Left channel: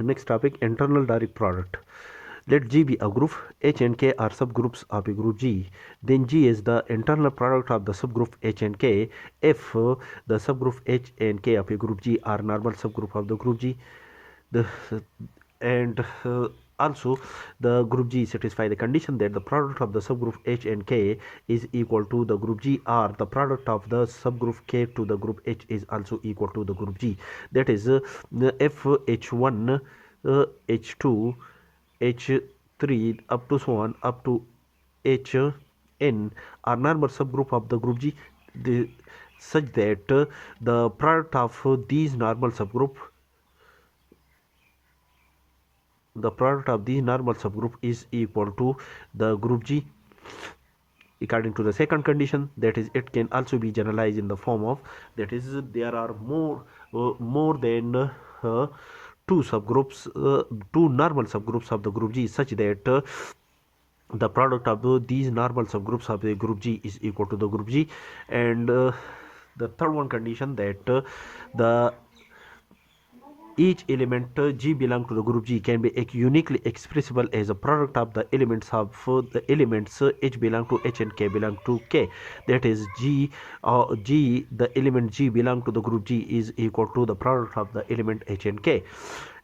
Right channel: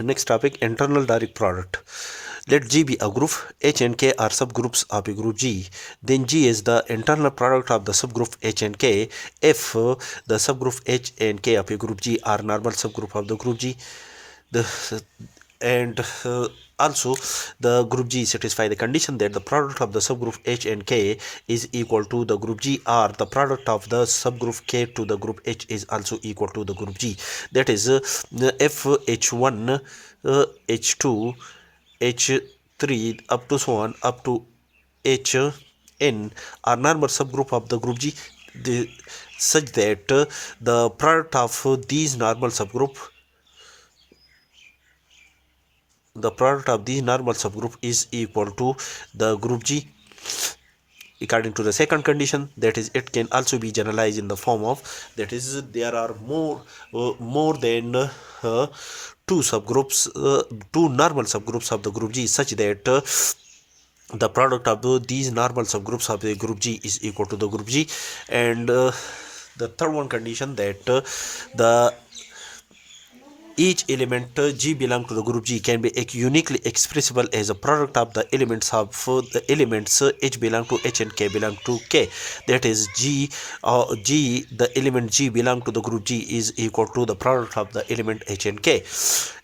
Next topic, internal direct product. Let G be a group, H and K are subgroups of a group G. Then G is the internal product of the subgroup H and K if the subgroup H and K of a group G are normal subgroup of the group G. And also the group G satisfy the condition that the product of the subgroup H and K is equal to the group G, or the product of the subgroup K to the group H is also equal to the group G. That is if H1, H2, H3 up to so on up to Hn are normal subgroup of the group G, such that the product of these normal subgroup is equal to the group G. According to the second condition, that is, it can also be generalized in the form of, that is, there are more than two normal subgroups of the group G, such that the product of these normal subgroups of the group G is equal to the group G. And the third one condition, that the each element G belong to the group G can be uniquely expressible as a product of the elements H belong to H and K belong to K. That is, the element G belong to the group G is equal to the product of the element H and K.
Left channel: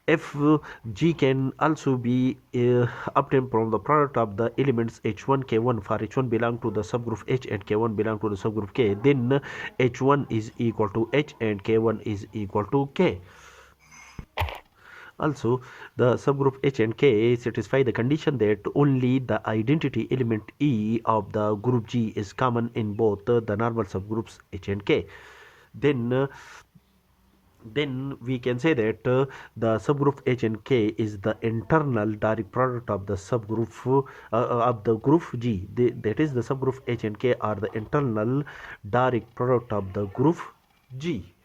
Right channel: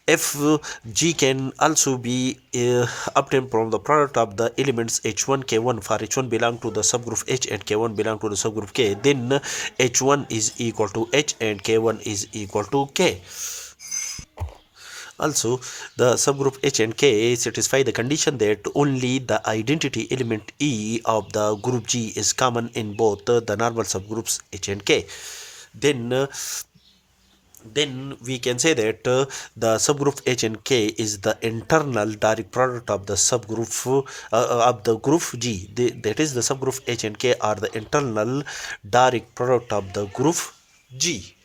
If G can also be obtained from the product of the elements H1, K1, for H1 belong to the subgroup H and K1 belong to the subgroup K, then H1 is equal to H and K1 is equal to K. Also, the subgroup H and K satisfy the condition that only the identity element E of the group G is common in both the normal subgroups H and K. Then we can say that the subgroup H and K is the internal direct product of the subgroup of the group G. That is, the subgroup H and K are the internal direct product of the group G.